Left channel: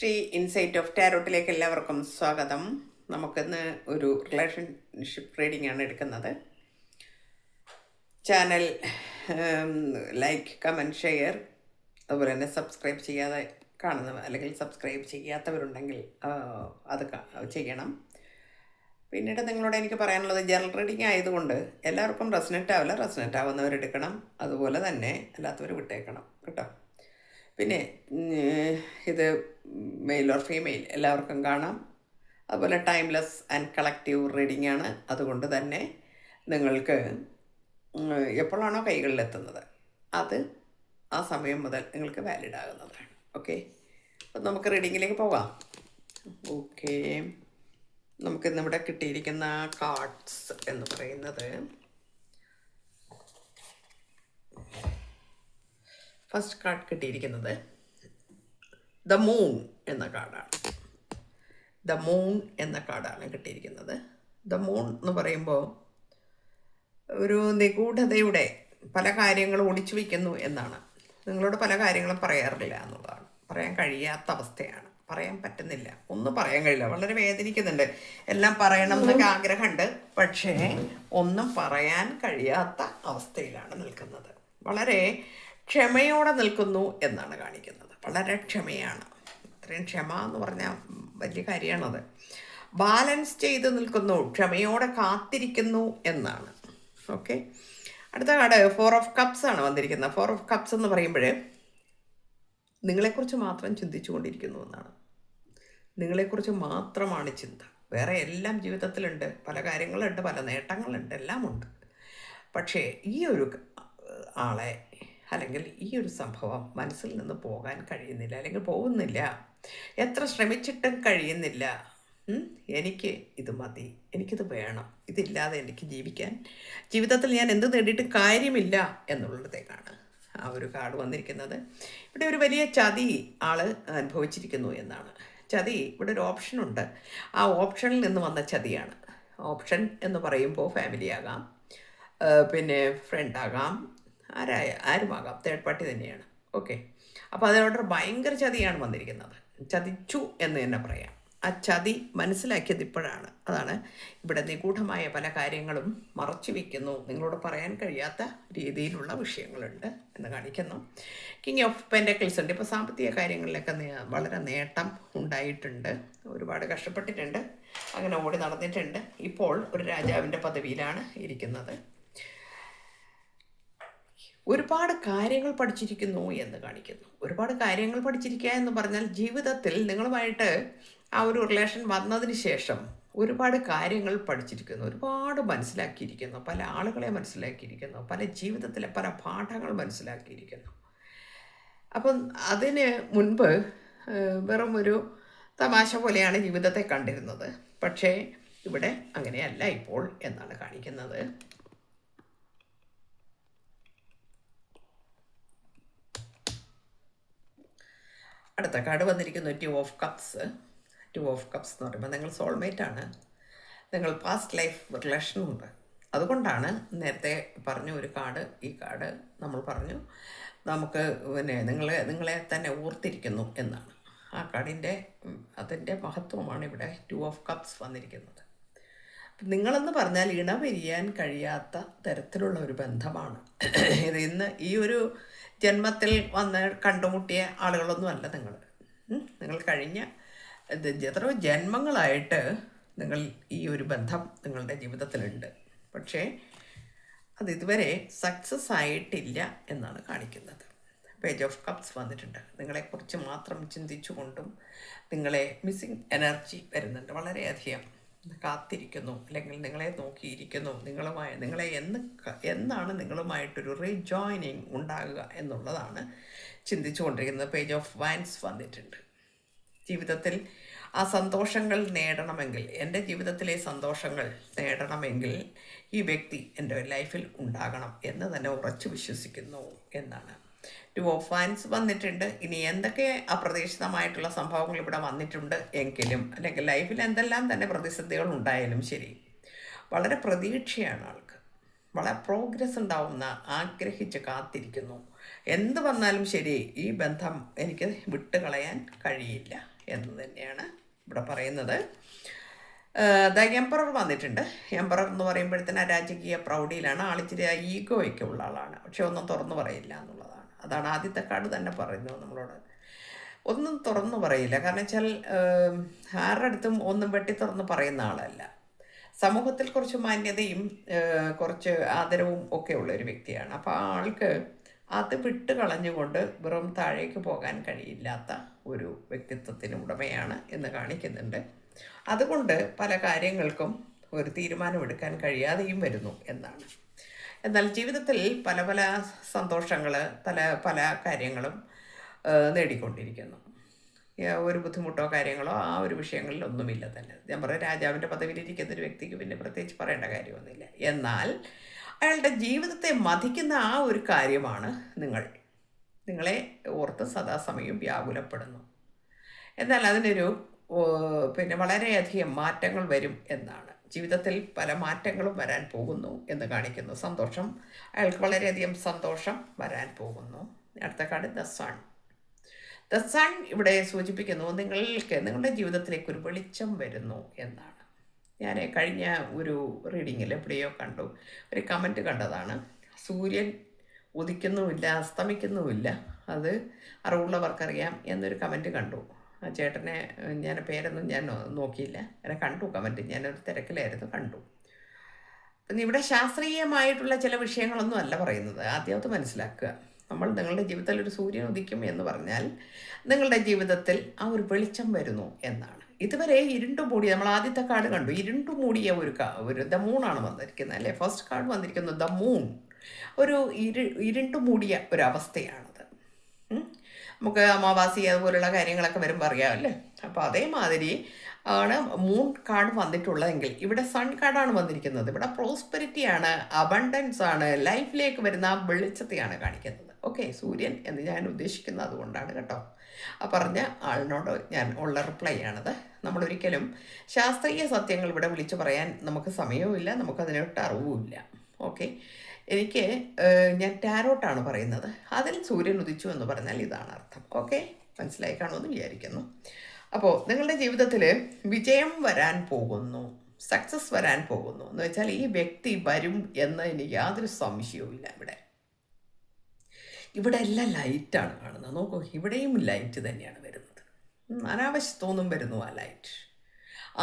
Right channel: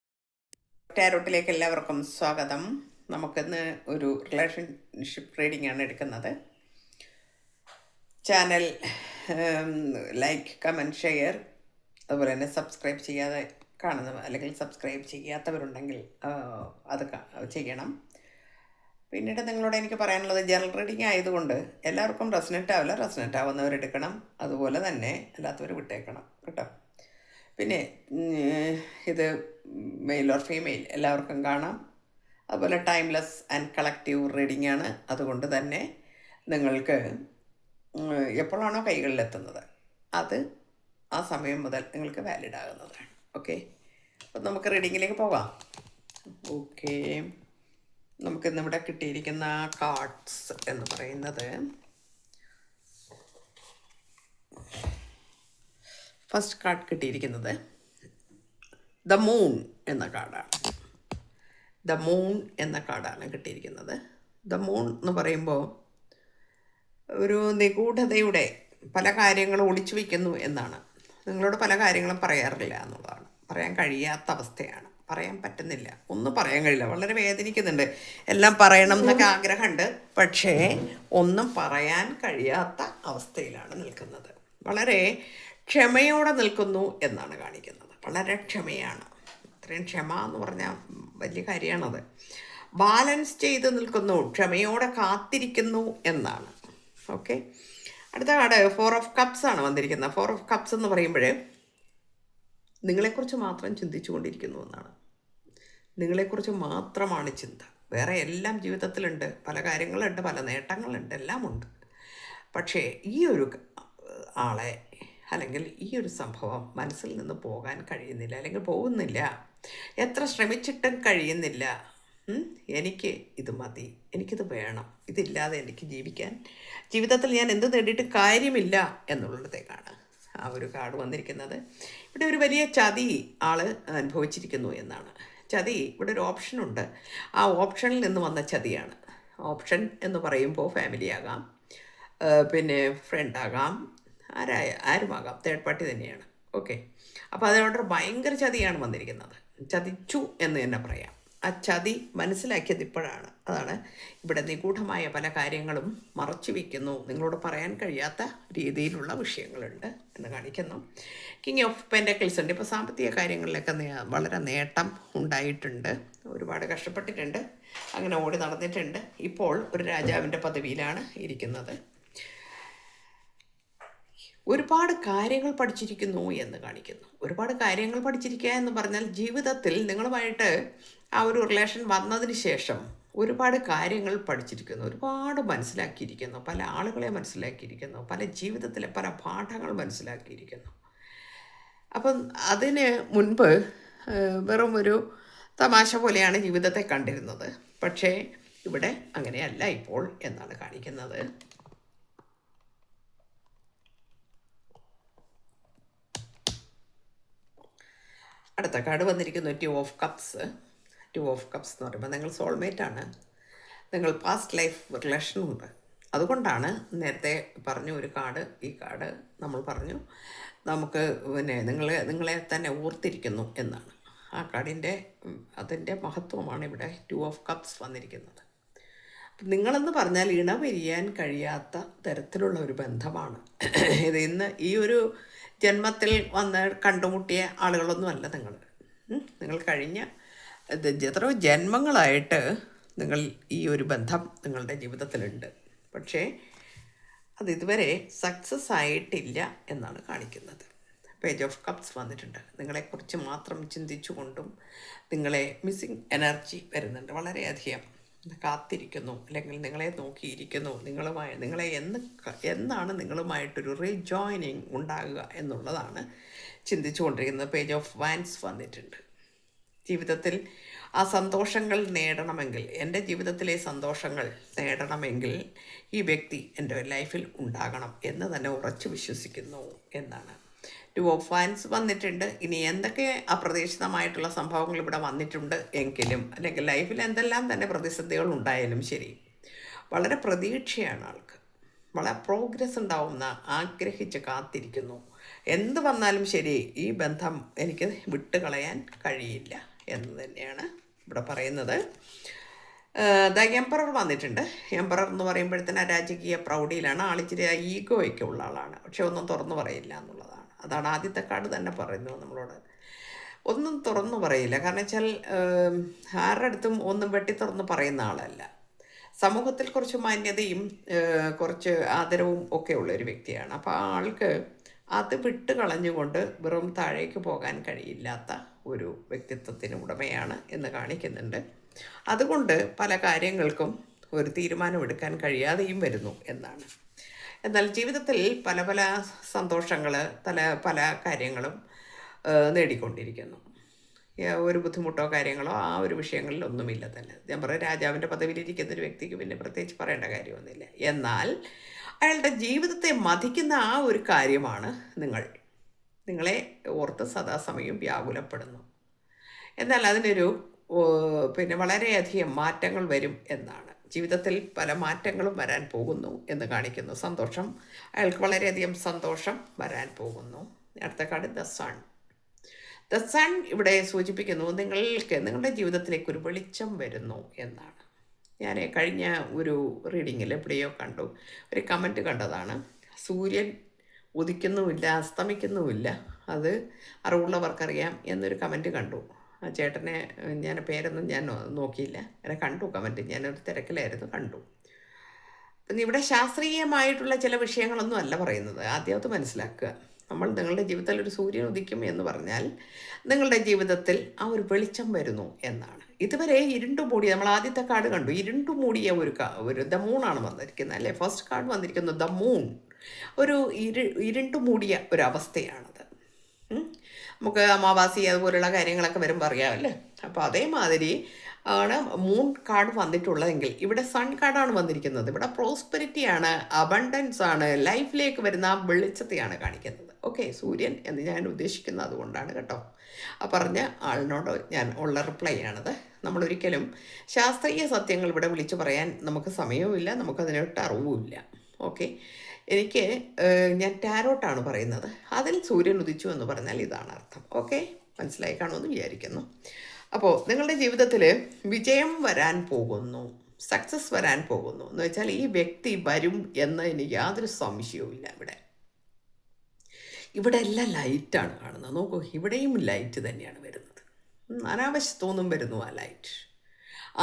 Shri insight of ടാരോട്ടിലേക്ക് എല്ലാവർക്കും സ്വാഗതം. നമുക്കിന്ന് ഒരു റിലേഷൻഷിപ്പ് റീഡിംഗ് ആണ് എടുക്കുന്നത്. ചാനൽ ലൈക്ക്, കമൻറ്റ്, ഷെയർ, അതുപോലെ തന്നെ സബ്സ്ക്രൈബ് ചെയ്യാതെ കാണുന്നവർ അല്ലെങ്കിൽ സബ്സ്ക്രൈബ് ചെയ്യാത്തവരുണ്ടെങ്കിൽ അത് ചെയ്യണം. പിന്നീട് നിങ്ങളോട് എനിക്ക് പറയാനുള്ളത്, ജനറൽ റീഡിംഗ് ആയതുകൊണ്ട് എല്ലാവർക്കും റെസനേറ്റ് ആവില്ല. റെസനേറ്റ് ആവുന്നവരെടുക്കണം, അതുപോലെ തന്നെ അല്ലാത്തവർ വിട്ടേക്കണം കേട്ടോ. പിന്നെ ഇത് മെയിൽ ഓർ ഫീമെയിൽ എല്ലാവർക്കും കാണാം. അതുപോലെ ടൈംലെസ് ആൻഡ് കളക്റ്റീവ് റീഡിംഗ് ആണ്. അതുകൊണ്ട് തന്നെ നിങ്ങൾക്ക് എപ്പോഴാണോ കൈകളിലെത്തുന്നത് അത് ആ സമയം മുതൽ നിങ്ങൾക്ക് വാലിഡ് ആകുന്നതാണ്. ഓക്കെ, അപ്പം നമുക്ക് റീഡിങ്ങിലേക്ക് പോകാം. ഓക്കെ, നമുക്കിന്നിവിടെ കിട്ടിയിരിക്കുന്ന കാർഡ്സ് എന്ന് പറയുന്നത്, ഫസ്റ്റ് കാർഡ് കിട്ടിയിരിക്കുന്നത് ദ മൂൺ എന്ന കാർഡാണ്. ദ മൂൺ എന്ന കാർഡാണ് കിട്ടിയിരിക്കുന്നത്. ദ മൂൺ എന്ന് പറയുമ്പോൾ ഒരു നിഗൂഢതയുടെ പല കാര്യങ്ങളും ഒളിച്ചു വയ്ക്കുന്നു എന്നാണ്. നിങ്ങളോട് പല കാര്യങ്ങളും പറയാറില്ല എന്നുള്ളതാണ്. പറയാൻ കഴിയാത്ത അവസ്ഥയാണ്, പറയാൻ പറ്റുന്നില്ല, ഒന്നും പറയാൻ കഴിയില്ല. വളരെ വേദനിക്കുന്നുണ്ട്. എല്ലാം പറയണം എന്നൊക്കെ ആഗ്രഹമുണ്ട്, പക്ഷേ ഒന്നും പറയാൻ കഴിയാത്ത അവസ്ഥയിലാണ് നിൽക്കുന്നത്. വളരെ ക്ഷമയോടെ നിൽക്കുന്നു എന്നാണ് കാണിക്കുന്നത്. വളരെ ക്ഷമയാണ്. ഇത്രയും ക്ഷമ എന്ന് പറഞ്ഞാൽ വലിയ കാര്യമാണത്. ബാലൻസ് ചെയ്ത് നിൽക്കുന്നു, ക്ഷമയോടെ കാത്തിരിക്കുന്നു എന്നാണ്. ഓക്കെ, അടുത്ത കാർഡ് 4 ഓഫ് കപ്സ് ആണ് വന്നിരിക്കുന്നത്. 4 ഓഫ് കപ്സ് എന്ന് പറയുമ്പോൾ നിങ്ങളെക്കുറിച്ച് മാത്രം ചിന്തിച്ചു കൊണ്ടിരിക്കുന്നു എന്നാണ്. നിങ്ങളെക്കുറിച്ച് മാത്രമാണ് ചിന്ത. വേറെ എല്ലാം ജീവിതത്തിലുണ്ട്, പല കാര്യങ്ങളുണ്ട്, പല നേട്ടങ്ങളുണ്ട്, എല്ലാം ഉണ്ട്. പക്ഷേ ഈ ഒരു ആളെ അല്ലെങ്കിൽ ഈ ഒരു സംഭവം മനസ്സിൽ നിന്ന് പോകാൻ കഴിയുന്നില്ല, അല്ലെങ്കിൽ പോകുന്നില്ല. എത്ര ശ്രമിച്ചിട്ടും കഴിയുന്നില്ല. എനിക്ക് ഇത് മതി, എനിക്കിത് വേണം, ഇതില്ലാതെ എനിക്ക് ജീവിതത്തിൽ ഞാൻ എന്ത് നേടിയിട്ട് കാര്യമില്ല എന്നുള്ളതേക്കാണ് ആ ഒരു കാർഡ് വന്നിരിക്കുന്നത്. ഇവിടെ ഒരു വലിയ ചതി ആൾ അനുഭവിച്ചിരിക്കുന്നു എന്നാണ്. ചതി, ഇവിടെ ഒരു ഓപ്ഷനുണ്ട്. ആ ഓപ്ഷനിൽ നിന്ന് വന്ന ചതിയാണ്. ഓപ്ഷൻ എന്ന് പറയുമ്പോൾ ഫാമിലി ആകാം, പിന്നെ ഫ്രണ്ടാകാം, ആരുമാകാം, തേർഡ് പാർട്ടി തന്നെയാണ്. ഓക്കെ, അപ്പോൾ അതോടെ ഭയങ്കര ചതിയാണ് വന്നിരിക്കുന്നത്. ചതിച്ചു എന്ന് തന്നെ പറയാം. ആ ചതി മനസ്സിലാക്കിയത് ഇപ്പോഴാണ്. അതാണ് ഇവിടെ നിഗൂഢമായ പല കാര്യങ്ങളും മറച്ചു വയ്ക്കുന്നു, നിങ്ങളോട് പറയാൻ കഴിയാത്ത രീതിയിലുള്ള വിഷയങ്ങളുണ്ട് എന്ന് കാണിക്കുന്നു. കിങ് ഓഫ് പെൻറ്റക്കിൾസ് ഉണ്ട്. ഇപ്പോൾ സാമ്പത്തിക കാര്യങ്ങളിലൊക്കെ വളരെ നേട്ടം ഉണ്ടായിട്ടുണ്ട്, ഒരുപാട് കഷ്ടപ്പെട്ടിട്ടുണ്ട്, അങ്ങനെ ഓടി നടന്നിട്ടുണ്ട്. ഇപ്പോൾ ഒരു രാജാവിൻ്റെ പദവിയിലാണ് ഇരിക്കുന്നത്. ഒരുപാട് കാര്യങ്ങൾ പഠിച്ചിരിക്കുന്നു എന്ന് കാണിക്കുന്നു. ഒരുപാട് കാര്യങ്ങൾ പഠിച്ചിരിക്കുക എന്ന് പറഞ്ഞാൽ ജീവിതത്തിൽ നിങ്ങളുമായിട്ട് ആ ഒരു റിലേഷൻ വന്നതിന് ശേഷം ഒരുപാട് കാര്യങ്ങൾ പഠിച്ചിരിക്കുന്നു, ഒരുപാട് മനസ്സിലാക്കിയിരിക്കുന്നു, പല ആളുകളെ മനസ്സിലാക്കിയിരിക്കുന്നു, പല ജീവിതത്തിലെ പല പാഠങ്ങൾ മനസ്സിലാക്കിയിരിക്കുന്നു. അപ്പം അതിന് മുൻപ് വെറും ഒരു തമാശ പോലെയാണ് ജീവിതത്തെ കണ്ടിരുന്നത്. പക്ഷേ ഇവിടെ അങ്ങനെയല്ല ഇപ്പോൾ എന്നാണ് കാണിക്കുന്നത്. അടുത്ത കാർഡ് വന്നിരിക്കുന്നു 2 ഓഫ് കപ്സ്. 2 ഓഫ് കപ്സ് എന്ന് പറയുമ്പോൾ നിങ്ങൾ സോൾമേറ്റാണ്, നിങ്ങൾ പാസ്റ്റ് ലൈഫ് റിലേഷനുണ്ട്. അതുകൊണ്ടാണ് നേരത്തെ പറഞ്ഞ ഒരു കാർഡ്, ഈ കാർഡ് നമ്മൾ പറഞ്ഞു നമുക്ക് പിന്നെ നിങ്ങളെ തന്നെ ഓർത്തിരിക്കുന്നു എന്നാണ്. ആ കാർഡിൻ്റെ അതിൻ്റെ മഹത്വമാണ് ഇവിടെ 2 ഓഫ് കപ്സ് വന്നിരിക്കുന്നത്. നിങ്ങളെന്ന് പറഞ്ഞാൽ ഇണപിരിയാൻ കഴിയാത്ത തരത്തിലുള്ള ഒരു ബന്ധമാണ് ഇത്. ഇന്ന് ഈ ഒരു ജന്മത്തിൽ വന്ന് കണ്ടുമുട്ടിയ ആളുകളൊന്നുമല്ല നിങ്ങൾ കഴിഞ്ഞ എത്രയോ ജന്മങ്ങളായിട്ട് നിങ്ങൾ ഈ ഒരു ബന്ധം നിങ്ങളുടെ ജീവിതത്തിലുണ്ട്. പക്ഷേ അത് ഇതുവരെ സക്സസ് ആയിട്ടില്ല എന്നാണ് കാണിക്കുന്നത്. പേജ് ഓഫ് കപ്സ് വന്നിട്ടുണ്ട്. നിങ്ങളെക്കുറിച്ച് മാത്രം ചിന്തിച്ചുകൊണ്ടും നിങ്ങളെ മിസ്സിങ് എനർജി വരുന്നുണ്ട്. വളരെയധികം കാത്തിരിക്കുന്നു, അല്ലെങ്കിൽ നിങ്ങളെ നോക്കിയിരിക്കുന്നു. നിങ്ങളെ എന്നാണ് നിങ്ങളുമായിട്ടൊരു റീജോയിനിങ് ഉണ്ടാകുക എന്നുള്ളതാണ് ചിന്തിച്ചു കൊണ്ടിരിക്കുന്നത്. പേജ് ഓഫ് വാൻസ് വന്നിട്ടുണ്ട്. ജീവിതത്തിൽ ആ സന്തോഷങ്ങൾ നേടണമെങ്കിൽ, എൻ്റെ ജീവിതത്തിലെ സന്തോഷങ്ങൾ നേടണമെങ്കിൽ ഈ വ്യക്തി എൻ്റെ ലൈഫിൽ ഉണ്ടാകണം എന്ന് തന്നെ ഉറച്ചു വിശ്വസിക്കുന്നു എന്നാണ്. 2 ഓഫ് വാൻസ് വന്നിട്ടുണ്ട്. ഇനി എന്തൊക്കെ അപ്രതീക്ഷിതമായിട്ടുള്ള സംഭവങ്ങൾ ഇവിടെ വന്നിട്ടുണ്ട് എങ്കിലും, അല്ലെങ്കിൽ ലൈഫിൽ എന്തെല്ലാം തന്നെ പ്രതിസന്ധികൾ ഉണ്ടായാലും ശരി, വളരെ പ്രതീക്ഷയാണ് ആൾക്ക്. വളരെ പ്രോഗ്രസ് ഉണ്ടാവുന്ന, ആഗ്രഹിച്ച് കാത്തിരിക്കുന്നു. എന്ത് വന്നാലും ശരി, ഈ ബന്ധം എനിക്ക് വിട്ടുകളയാൻ കഴിയില്ല എന്ന് തന്നെയാണ് ഇവിടെ പറയുന്നത്. ദ എംപറർ വന്നിട്ടുണ്ട്. എംപറർ എന്ന് പറയുമ്പോഴത്തേന് രാജകീയ പ്രൗഢിയിലാണ്. ആളിച്ചിരി ഈഗോയൊക്കെ ഉള്ള ആളാണ്, പക്ഷെ ഒന്നും തുറന്നു പറയില്ല എന്നുള്ളതാണ്. അതാണ് ആദ്യത്തെ കാർഡ് തന്നെ പറയുന്നത് നമ്മളോട്. ഒന്നും തുറന്നു പറയില്ല, കാരണം വെച്ചാൽ ആരുടെ അടുത്തും ഒന്നും വെട്ടി തുറന്ന് പറയുന്ന ആളല്ല. സമൂഹത്തിൽ കുറച്ച് മാന്യതയും കുറച്ച് ആദരവും ഒക്കെ ഉള്ള ഒരു വ്യക്തിയാണ്. അപ്പോൾ ആ ആൾക്ക് അത് വിട്ട് കളഞ്ഞുകൊണ്ട് വെറും താഴേക്ക് പോകാൻ കഴിയില്ലാത്ത ഒരു വ്യക്തിത്വത്തിന് ഉടമയാണ് എന്ന് കാണിക്കുന്നുണ്ട്. അതുകൊണ്ട് പല കാര്യങ്ങൾക്കും ഒരു തീരുമാനമെടുക്കാൻ കഴിയാതെയും വരുന്നു എന്നാണ്. എന്നാൽ ജീവിതത്തിൽ പല പല സന്തോഷങ്ങൾ, പല കാര്യങ്ങളും നേടിക്കൊണ്ടിരിക്കുന്നു. ഒരു ബുദ്ധിമുട്ടോ കാര്യങ്ങളോ ആ ഒരു വിഷയങ്ങളിലൊന്നുമില്ല തന്നെ. ഞാൻ പറയാം, രാജാവിൻ്റെ പദവിയിലിരിക്കുന്ന ഒരു വ്യക്തിക്ക് പിന്നെ പ്രത്യേകിച്ച് പറയേണ്ട കാര്യമൊന്നുമില്ല. എന്നാൽ അയാളുടെ ജീവിതത്തെ മതിക്കുന്ന ആ ഒരു കാര്യമാണ് നിങ്ങളെ ഓർത്ത് സദാസമയം വ്യാകുലപ്പെടുന്നു. എന്നാൽ അതിനൊരു പിന്നെ വളരെയധികം മാറ്റങ്ങൾ വരും എന്നാണ്. ജീവിതത്തിൽ പല മാറ്റങ്ങളും വരാൻ പോകുന്നു എന്ന് കാണിക്കുന്നു. സന്തോഷം, അയാൾക്ക് വളരെയധികം സന്തോഷം വരാൻ പോകുന്നു. അടുത്ത card the sun. The sun ഇവിടെ സൂചിപ്പിക്കുന്നു നിങ്ങളുടെ ജീവിതത്തിലേക്ക് ഒരു വെളിച്ചം വരുന്നു എന്നാണ്. ഞാൻ കഴിഞ്ഞ ഒരു റീഡിങ്ങിൽ എവിടെയോ കണ്ടു, ഒരു കമൻറ്റ് കണ്ടതാണ്. സൂര്യൻ ഉദിക്കുന്നുമില്ല അസ്തമിക്കുന്നുമില്ല, അത് അറിവുള്ളവർക്കറിയാം എന്നൊരു കമൻറ്റ് കണ്ടു. ആ ചേട്ടനെ ഞാൻ പേരൊന്നും ഞാൻ നോക്കിയില്ല, അങ്ങനെ കണ്ടു കമൻറ്റ്. ഞാനൊരു തിരക്കിലായിരുന്നു, കണ്ടു. അപ്പം ഇവിടെ ശാസ്ത്രീയമായിട്ടുള്ള ചില വിഷയങ്ങളൊന്നും അല്ല പറയുന്നത്. ആദ്യം അത് മനസ്സിലാക്കുക. നിങ്ങളുടെ ജീവിതത്തിൽ ഒരു സൂര്യൻ ഉദിക്കും എന്ന് പറഞ്ഞാൽ നിങ്ങളുടെ ജീവിതത്തിൽ ആ ഒരു വെളിച്ചം വരുന്നു എന്നാണ്. ഇതുവരെ ഇരുണ്ടു മൂടിയ, നമ്മൾ ആദ്യത്തെ കാർഡ് കണ്ടു, ഇരുണ്ടു മൂടിയ ഒരു ദ മൂണാണ് വന്നിരിക്കുന്നത് അല്ലേ. ഫസ്റ്റ് കാർഡ് വന്നിരിക്കുന്നത് ദ മൂൺ. ഒരു ഇരുണ്ടു മൂടിയ ഒരവസ്ഥയാണത്. നമുക്ക് അമാവാസി അതുപോലുള്ള കാര്യങ്ങളൊക്കെ വരുമ്പോൾ അറിയാമല്ലേ. അപ്പോൾ അതേമാതിരി ആണ് മൂൺ കാർഡ് വന്നിട്ടുള്ളതെങ്കിൽ ഇവിടെ സൺ കാർഡാണ് വന്നിരിക്കുന്നത്. ഇവിടെ പ്രോസ്പെരിറ്റിയാണ്, അബണ്ടൻസ് ആണ്, ലൈഫിലേക്ക് വരുന്ന ആ വെളിച്ചത്തെയാണ് കാണിക്കുന്നത്. ഓക്കെ, സൂര്യൻ എന്ന് ഞാൻ ഉദ്ദേശിക്കുന്നത് അതുകൊണ്ടാണ് കേട്ടോ. ആ പറഞ്ഞ ആളിനോട് ഞാൻ ഉള്ള റിപ്ലൈ ആണത്. നമ്മളൊരിക്കലും ശാസ്ത്രീയ സത്യങ്ങൾ ഇവിടെ വിളിച്ചു പറയാൻ നമുക്ക് സമയവുമില്ല, നമുക്കതിനൊട്ട് അറിവുമില്ല. ഓക്കെ, ഞാൻ ടാരോട്ടാണ് പറയുന്നത്. അതിൽ സൂര്യൻ ഉദിച്ചു എന്ന് പറഞ്ഞാൽ ഇതാണ് അർത്ഥം. ഓക്കെ, മനസ്സിലായി കാണുമെന്ന് വിചാരിക്കുന്നു. അപ്പോൾ നിങ്ങളുടെ ജീവിതത്തിൽ വിജയം വരാൻ പോകുന്നു, സക്സസ് വരാൻ പോകുന്നു എന്ന് വെച്ചാൽ ഈ വ്യക്തി വരും എന്നതിന് യാതൊരു സംശയവുമില്ല. ഇവിടെ എല്ലാം ലൈറ്റാണ് കാണുന്നത്. നോക്കൂ, ഇവിടെയും ലൈറ്റ് തന്നെയാണ് വരുന്നത്. അനാവശ്യത്തൊന്നും വരുന്നു ആ ലൈറ്റ്.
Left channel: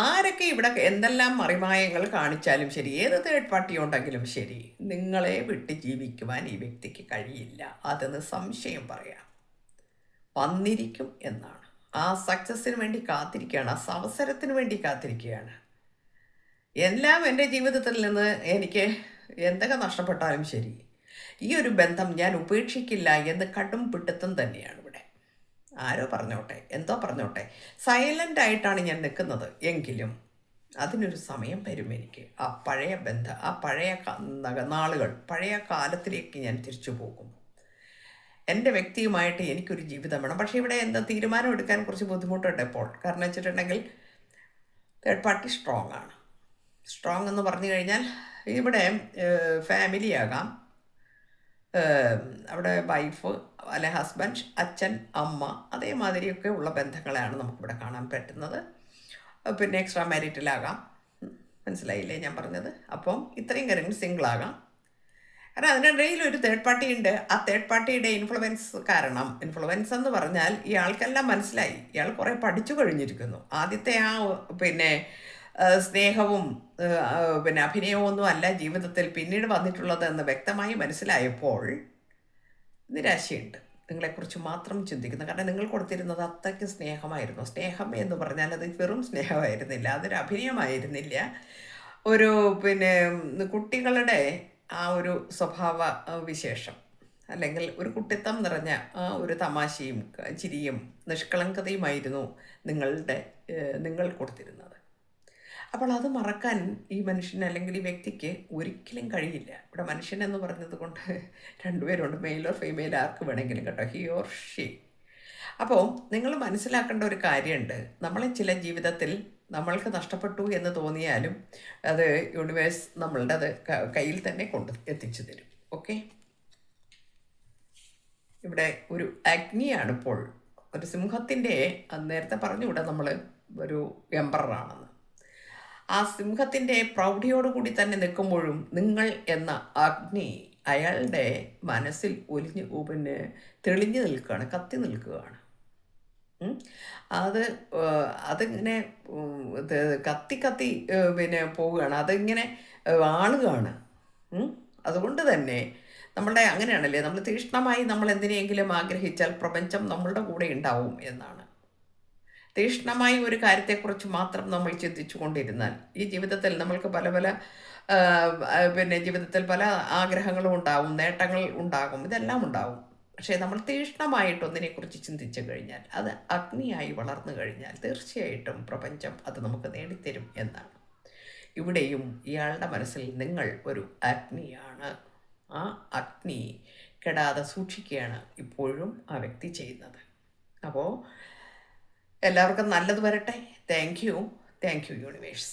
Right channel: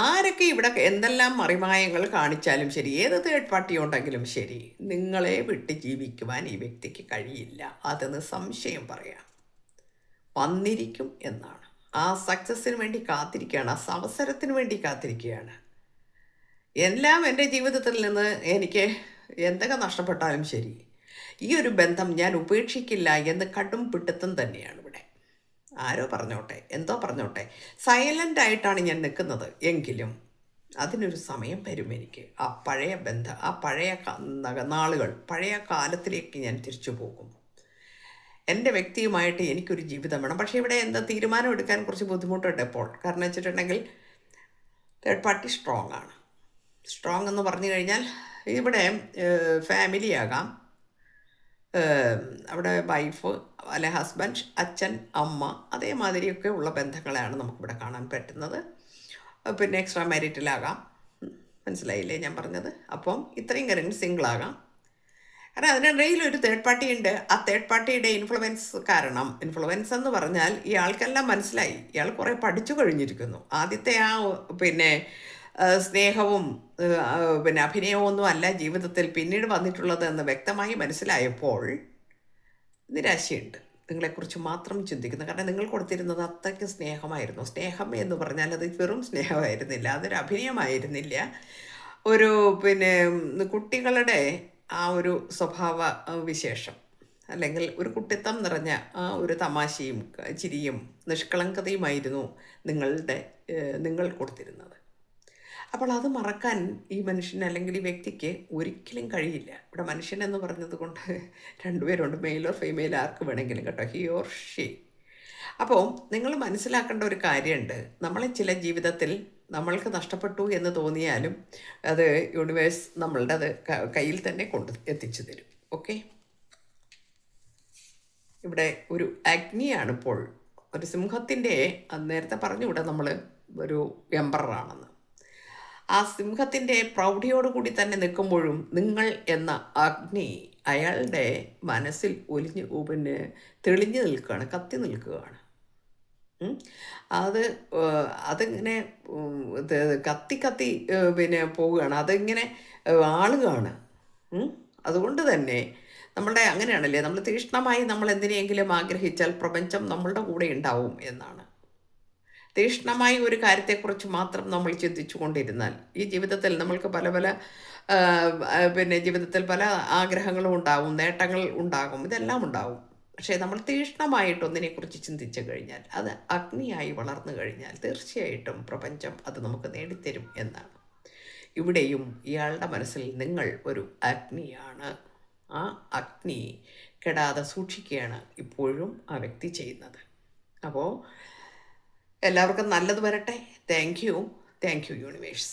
ആരൊക്കെ ഇവിടെ എന്തെല്ലാം മറിമായങ്ങൾ കാണിച്ചാലും ശരി, ഏത് തേർഡ് പാർട്ടി ഉണ്ടെങ്കിലും ശരി, നിങ്ങളെ വിട്ട് ജീവിക്കുവാൻ ഈ വ്യക്തിക്ക് കഴിയില്ല. അതെന്ന് സംശയം പറയാം. വന്നിരിക്കും എന്നാണ്. ആ സക്സസ്സിന് വേണ്ടി കാത്തിരിക്കുകയാണ്, ആ അവസരത്തിന് വേണ്ടി കാത്തിരിക്കുകയാണ്. എല്ലാം എൻ്റെ ജീവിതത്തിൽ നിന്ന് എനിക്ക് എന്തൊക്കെ നഷ്ടപ്പെട്ടാലും ശരി, ഈ ഒരു ബന്ധം ഞാൻ ഉപേക്ഷിക്കില്ല എന്ന് കടും പിടുത്തം തന്നെയാണ് ഇവിടെ. ആരോ പറഞ്ഞോട്ടെ, എന്തോ പറഞ്ഞോട്ടെ, സൈലൻ്റ് ആയിട്ടാണ് ഞാൻ നിൽക്കുന്നത്. എങ്കിലും അതിനൊരു സമയം വരും. എനിക്ക് ആ പഴയ ബന്ധം, ആ പഴയ നാളുകൾ, പഴയ കാലത്തിലേക്ക് ഞാൻ തിരിച്ചു പോകും. എൻ്റെ വ്യക്തിയുമായിട്ട് എനിക്കൊരു ജീവിതം വേണം. പക്ഷേ ഇവിടെ എന്താ തീരുമാനം എടുക്കാൻ കുറച്ച് ബുദ്ധിമുട്ടുണ്ട് ഇപ്പോൾ. കാരണം വെച്ചിട്ടുണ്ടെങ്കിൽ തേർഡ് പാർട്ടി സ്ട്രോങ് ആണ്. സ്ട്രോങ് എന്ന് പറഞ്ഞു കഴിഞ്ഞാൽ ഇവിടെ ഫാമിലി ആകാം, അവിടെ വൈഫ് അല്ലെ ഹസ്ബൻഡ്, അച്ഛൻ, അമ്മ, അതേമാതിരിയൊക്കെ ഉള്ള ബന്ധങ്ങളെയാണ് നമുക്കിവിടെ കാണാൻ പറ്റുന്നത്. പിന്നെ എക്സ്ട്രാ മാരിറ്റലാകാം. മനസ്സിലായില്ലേ ഞാൻ പറഞ്ഞത്? അപ്പം ഇത്രയും കാര്യങ്ങൾ സിംഗിളാകാം. കാരണം അതിനിടയിൽ ഒരു തേർഡ് പാർട്ടി ഉണ്ട്. ആ തേർഡ് പാർട്ടിയുടെ ഇൻഫ്ലുവൻസ് കാരണം, ഇൻഫ്ലുവൻസ് എന്ന് പറഞ്ഞാൽ ഇയാൾക്കെല്ലാം മനസ്സിലായി, ഇയാൾ കുറേ പഠിച്ചു കഴിഞ്ഞിരിക്കുന്നു. ആദ്യത്തെ ആ സ്നേഹവും അഭിനയവും ഒന്നും അല്ല ജീവിതത്തിൽ പിന്നീട് വന്നിട്ടുള്ളത് എന്ന് വ്യക്തമായി മനസ്സിലായപ്പോൾ നിരാശയുണ്ട്. നിങ്ങളെക്കുറിച്ച് മാത്രം ചിന്തിക്കുന്നു. കാരണം നിങ്ങൾ കൊടുത്തിരുന്നത് അത്രയ്ക്ക് സ്നേഹമായിരുന്നു. സ്നേഹം എന്ന് പറഞ്ഞാൽ അത് വെറും സ്നേഹമായിരുന്നില്ല, അതൊരു അഭിനയമായിരുന്നില്ല. ഒരു കുട്ടികളുടെ ആ ഒരു സ്വഭാവ വിശേഷം, അല്ലെങ്കിൽ ഒരു കുട്ടിത്തം നിറഞ്ഞ ആ ഒരു തമാശയും ചിരിയും നിഷ്കളങ്കതയുമായിരുന്നു നിങ്ങൾ കൊടുത്തിരുന്നത്. അപ്പോൾ അത് മറക്കാൻ ഈ മനുഷ്യന് അല്ലെങ്കിൽ ഈ വ്യക്തിക്ക് ഒരിക്കലും കഴിയില്ല. ഇവിടെ മനുഷ്യൻ എന്ന് പറഞ്ഞത് കൊണ്ട് രണ്ടുപേരുണ്ട്, മെയിലോ ഫീമെയിലോ ആർക്ക് വേണമെങ്കിലും കേട്ടോ, ഹി ഓർ ഷീ. അപ്പോൾ നിങ്ങൾ മനസ്സിലാക്കേണ്ട ഒരു കാര്യമുണ്ട്. നമ്മളെ ചില ജീവിതത്തിൽ നമ്മൾക്ക് നഷ്ടപ്പെട്ടു എന്ന് തോന്നിയാലും അത് യൂണിവേഴ്സ് നമ്മളുടെ അത് കയ്യിൽ തന്നെ എത്തിച്ചു തരും. ഓക്കെ, ഇവിടെ ഒരു അഗ്നിയാണ് ഇപ്പോൾ ഒരു സിംഹത്തിൻ്റെ നേരത്തെ പറഞ്ഞുകൂടെ നമ്മൾ ഒരു എംപററാണെന്ന്. ആ സിംഹത്തിൻ്റെ പ്രൗഢിയോടുകൂടി തന്നെ നിൽക്കുമ്പോഴും നിങ്ങൾ എന്ന അഗ്നി അയാളുടെ മനസ്സിൽ തെളിഞ്ഞു നിൽക്കുകയാണ്, കത്തി നിൽക്കുകയാണ്. അത് അതിങ്ങനെ കത്തി കത്തി പോവുകയാണ്, അതിങ്ങനെ ആളുകയാണ്. അതുകൊണ്ട് തന്നെ നമ്മളുടെ അങ്ങനെയാണല്ലേ, നമ്മൾ തീക്ഷ്ണമായി നമ്മൾ എന്തിനെങ്കിലും ആഗ്രഹിച്ചാൽ പ്രപഞ്ചം നമ്മളുടെ കൂടെ ഉണ്ടാവും എന്നാണ്. തീക്ഷ്ണമായി ഒരു കാര്യത്തെക്കുറിച്ച് മാത്രം നമ്മൾ ചിന്തിച്ചു കൊണ്ടിരുന്നാൽ ഈ ജീവിതത്തിൽ നമ്മൾക്ക് പല പല ജീവിതത്തിൽ പല ആഗ്രഹങ്ങളും ഉണ്ടാവും, നേട്ടങ്ങൾ ഉണ്ടാകും, ഇതെല്ലാം ഉണ്ടാവും. പക്ഷേ നമ്മൾ തീക്ഷ്ണമായിട്ട് ഒന്നിനെക്കുറിച്ച് ചിന്തിച്ചു കഴിഞ്ഞാൽ, അത് അഗ്നിയായി വളർന്നു കഴിഞ്ഞാൽ തീർച്ചയായിട്ടും പ്രപഞ്ചം അത് നമുക്ക് നേടിത്തരും എന്നാണ്. ഇവിടെയും ഇയാളുടെ മനസ്സിൽ നിങ്ങൾ ഒരു അഗ്നിയാണ്. ആ അഗ്നി കെടാതെ സൂക്ഷിക്കുകയാണ് ഇപ്പോഴും ആ വ്യക്തി ചെയ്യുന്നത്. അപ്പോൾ എല്ലാവർക്കും നല്ലത് വരട്ടെ. Thank you universe.